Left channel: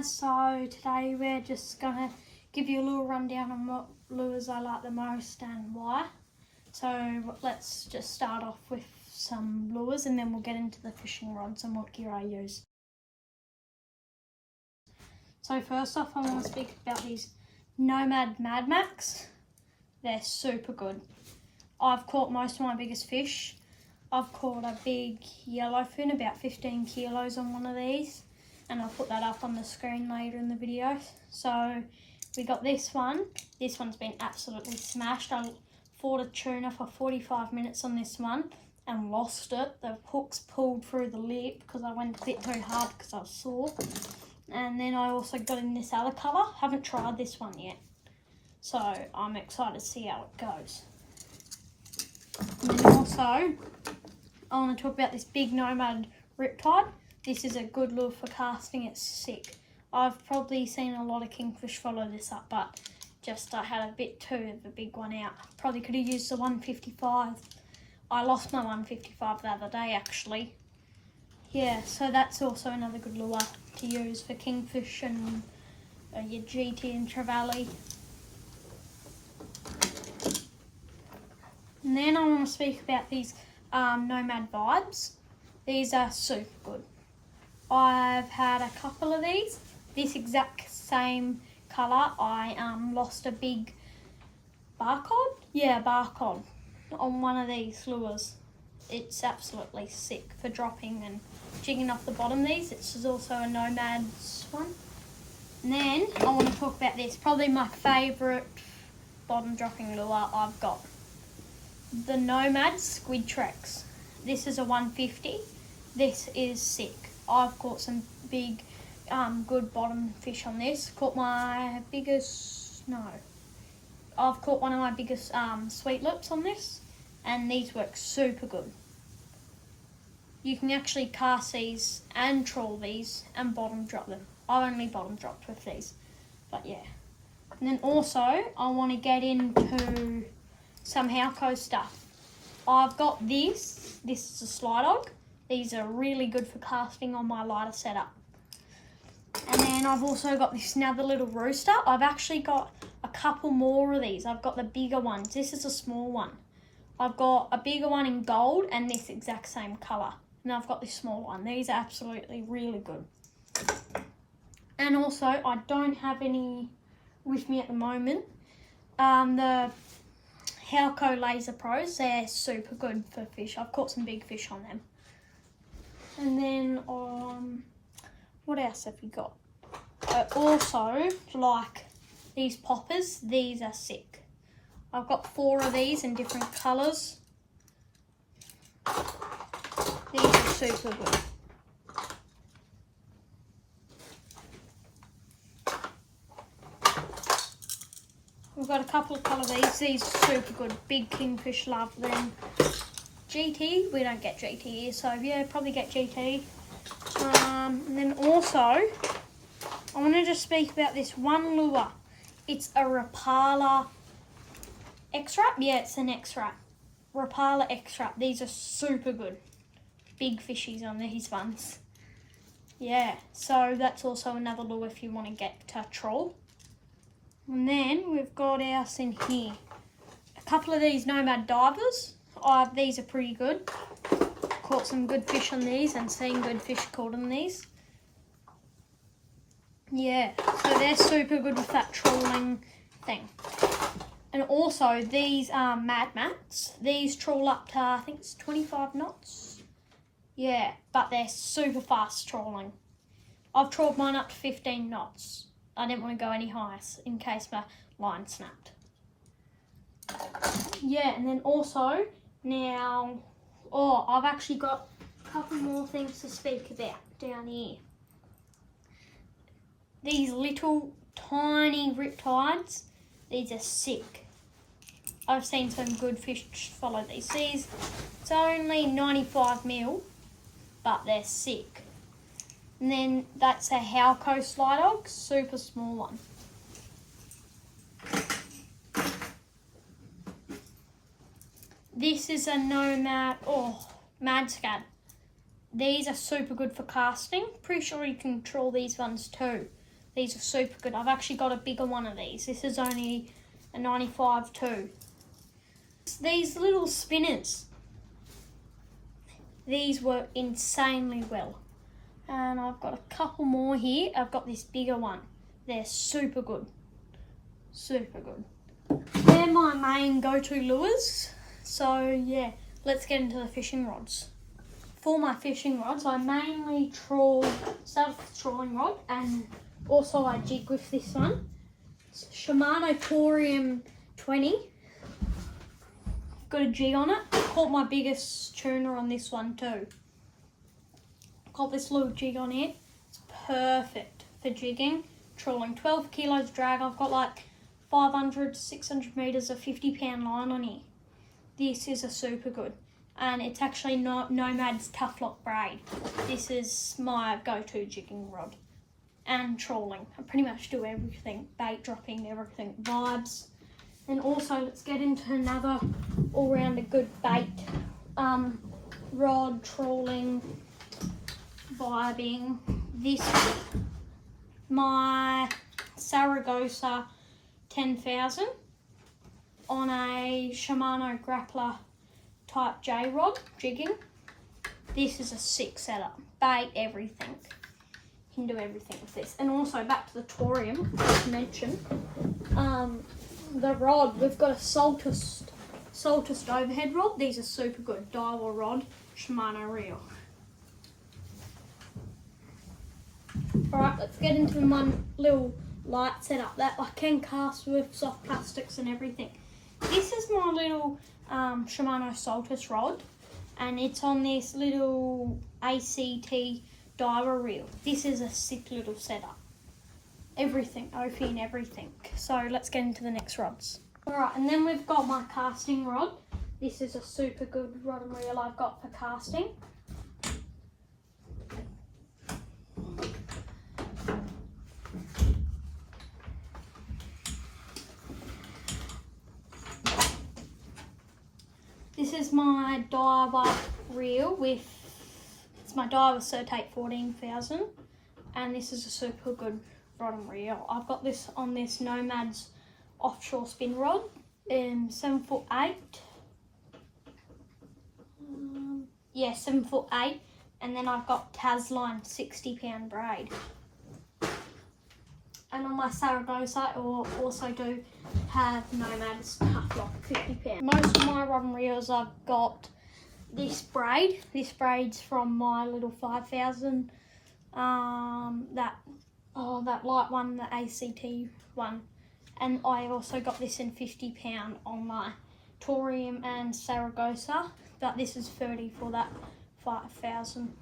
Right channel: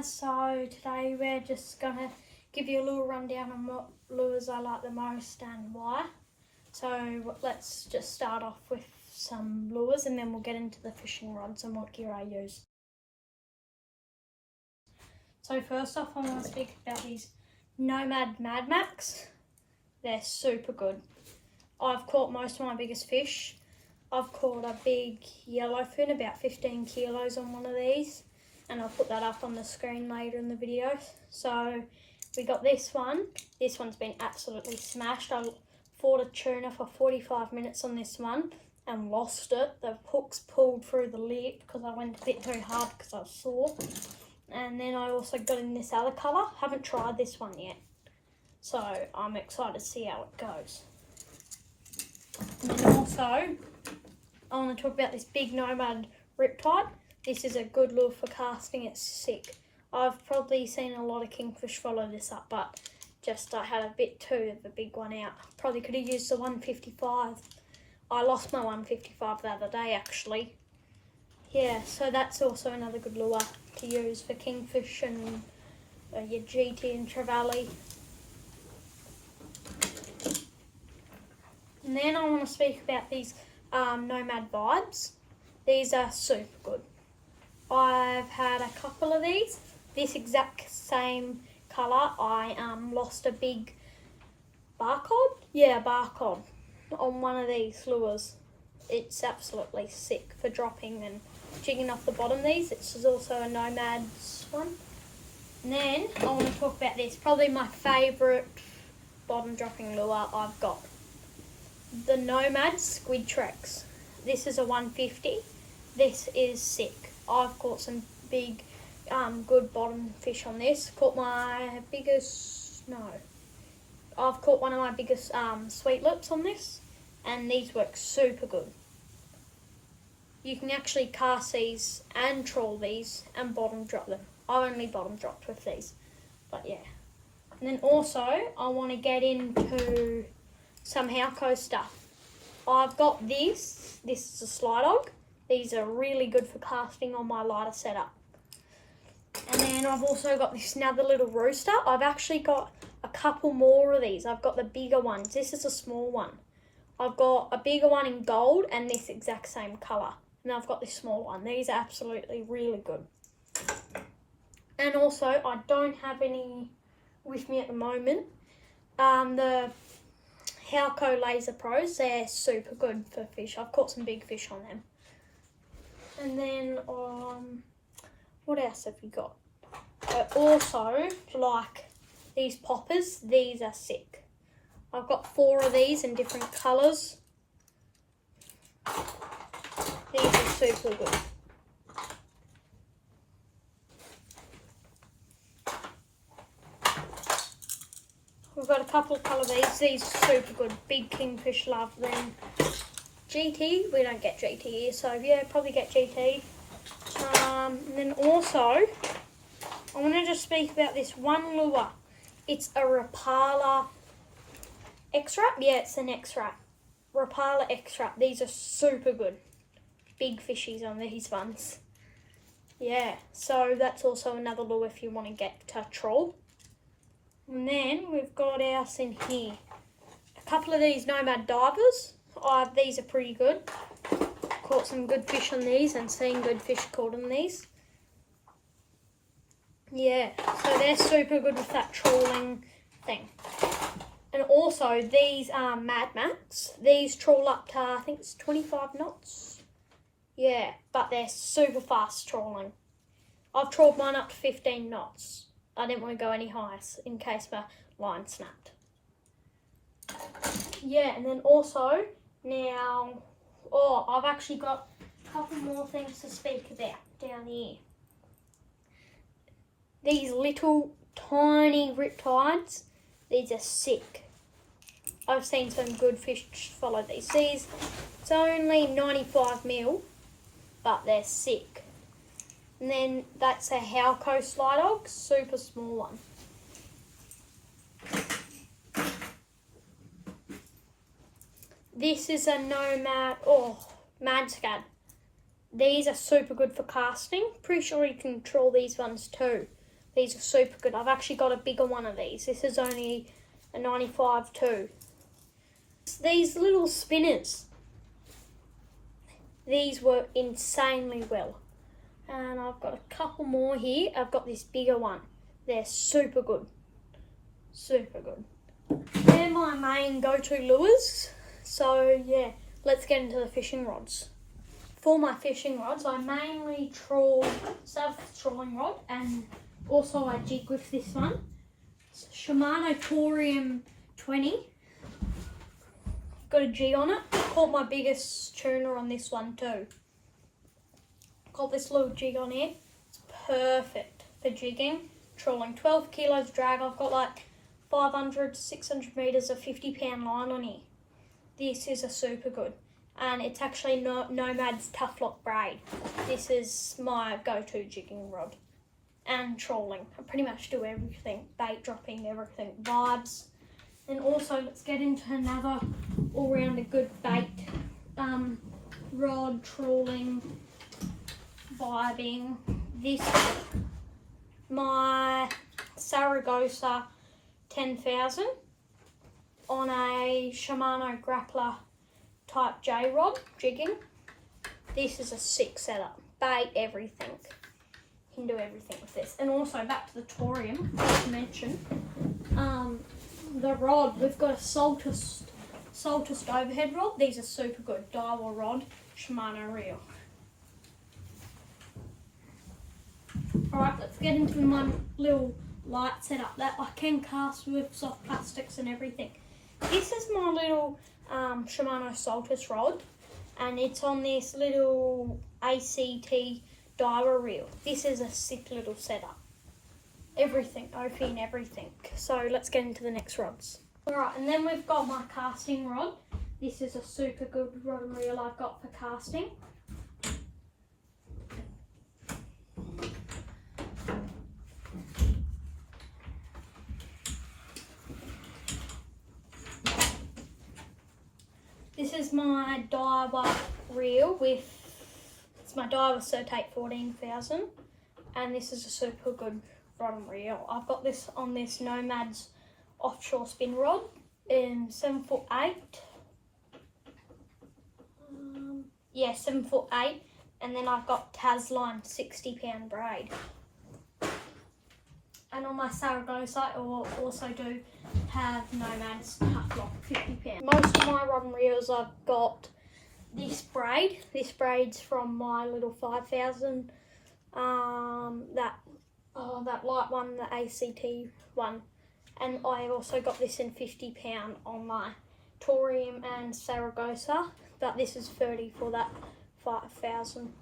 guys, so today we're just gonna give you a little rundown on what lures I like the most and why. So let's just start off with some lures and then we'll get into the fishing rods and what gear I use. So first off, I want to speak about these Nomad Mad Max. They're super good. I've caught most of my biggest fish. I've caught a big yellowfin, about 15 kilos on one of these, and I'll put that up on the screen later in the video. So we got this one. This one's been absolutely smashed. I fought a tuna for 45 minutes on this one and lost it. The hooks pulled through the lip because I went a bit too hard because I was sore. And then I also got in this other colour. Haven't tried this one yet, so I'm excited to see how it goes. And also, I want to talk about this big Nomad Riptide. This is a good lure for casting. It's sick. I've probably seen a lot of kingfish follow this up, but just I had a bit too of a big one out. Probably could have used the 155. I lost my 155 the other day actually. Yeah, so that's also another good lure to use for kingfish and your GT and trevally. And then I want to speak about these Nomad Vibes. These are super good. I've had a couple of these. This exact same colour. I lost a big barcode. Yeah, barcode on one of these lures. It's absolutely sick for dropping and jigging off the bottom. This is also a Nomad's one. And then I want to talk about this. Probably my favourite bottom dropping lure I've got. The Nomad Squid Trex. This is a 150. This is sick. I've caught some big, good bottom fish on this. Caught my biggest, I've caught one of my biggest sweet lips on this, and these work super good. You can actually cast these and trawl these and bottom drop them. I only bottom dropped with these, but yeah. And then also, I want to get into some Halco stuff. I've got this is a Sly Dog. These are really good for casting on my lighter setup. And then I've also got this another little rooster. I've actually got a couple more of these. I've got the bigger ones. This is a small one. I've got a bigger one in gold and this exact same colour. And I've got this small one. These are absolutely really good. And also, I don't have any with me at the moment. The Halco Laser Pros, they're super good for fish. I've caught some big fish on them. And then, what else have we got? Also, like these poppers, these are sick. I've got 4 of these in different colours. These are super good. We've got a couple of colour these. These are super good. Big kingfish, love them. GT, we don't get GT here, so yeah, probably get GT. And then also, I want to just speak about this one lure. It's a Rapala X-Wrap. Yeah, it's an X-Wrap. Rapala X-Wrap. These are super good. Big fishies on these ones. Yeah, so that's also another lure if you want to get to trawl. And then we've got ours in here. A couple of these Nomad Divers. These are pretty good. Caught some good fish on these and seen good fish caught on these. Yeah, so they're super good with that trawling thing. And also these are Mad Max. These trawl up to, I think it's 25 knots. Yeah, but they're super fast trawling. I've trawled mine up to 15 knots. I didn't want to go any higher in case my line snapped. Yeah, and then also, now, I've actually got a couple more things to speak about down here. These little tiny riptides, these are sick. I've seen some good fish follow these. It's only 95 mil, but they're sick. And then that's a Halco Sly Dog, super small one. This is a Nomad, Mad Scad. These are super good for casting. Pretty sure you can trawl these ones too. These are super good. I've actually got a bigger one of these. This is only a 95 too. These little spinners, these work insanely well. And I've got a couple more here. I've got this bigger one. They're super good. Super good. They're my main go-to lures. So yeah, let's get into the fishing rods. For my fishing rods, I mainly start with the trolling rod, and also I jig with this one. It's Shimano Torium 20. Got a jig on it. Caught my biggest tuna on this one too. Got this little jig on here. It's perfect for jigging, trolling. 12 kilos drag. I've got like 500 to 600 metres of 50-pound line on here. This is a super good. And it's actually Nomad's Tough Lock braid. This is my go-to jigging rod. And trolling. I pretty much do everything. Bait dropping, everything. Vibes. And also, let's get into another all-round good bait. Rod, trolling, vibing. This one, my Saragosa 10,000 on a Shimano Grappler Type J rod, jigging. This is a sick setup. Bait, everything. You can do everything with this. And also, back to the Torium, as mentioned. The rod, we've got a Saltus overhead rod. These are super good. Daiwa rod, Shimano reel. Alright, let's get into my little light setup that I can cast with soft plastics and everything. This is my little Shimano Saltus rod, and it's on this little ACT Daiwa reel. This is a sick little setup. Everything, Ophi and everything. So let's get into the next rods. Alright, and then we've got my casting rod. This is a super good rod and reel I've got for casting. This is my Daiwa reel it's my Daiwa Certate 14,000, and this is a super good rod and reel. I've got this on this Nomad's offshore spin rod in 7'8". 7'8", and then I've got Tasline 60-pound braid. And on my Saragosa, I also do have Nomad's Tough Lock 50-pound. Most of my rod and reels, I've got this braid. This braid's from my little 5,000. That light one, the ACT one. And I also got this in 50-pound on my Torium and Saragosa. But this is 30 for that 5,000.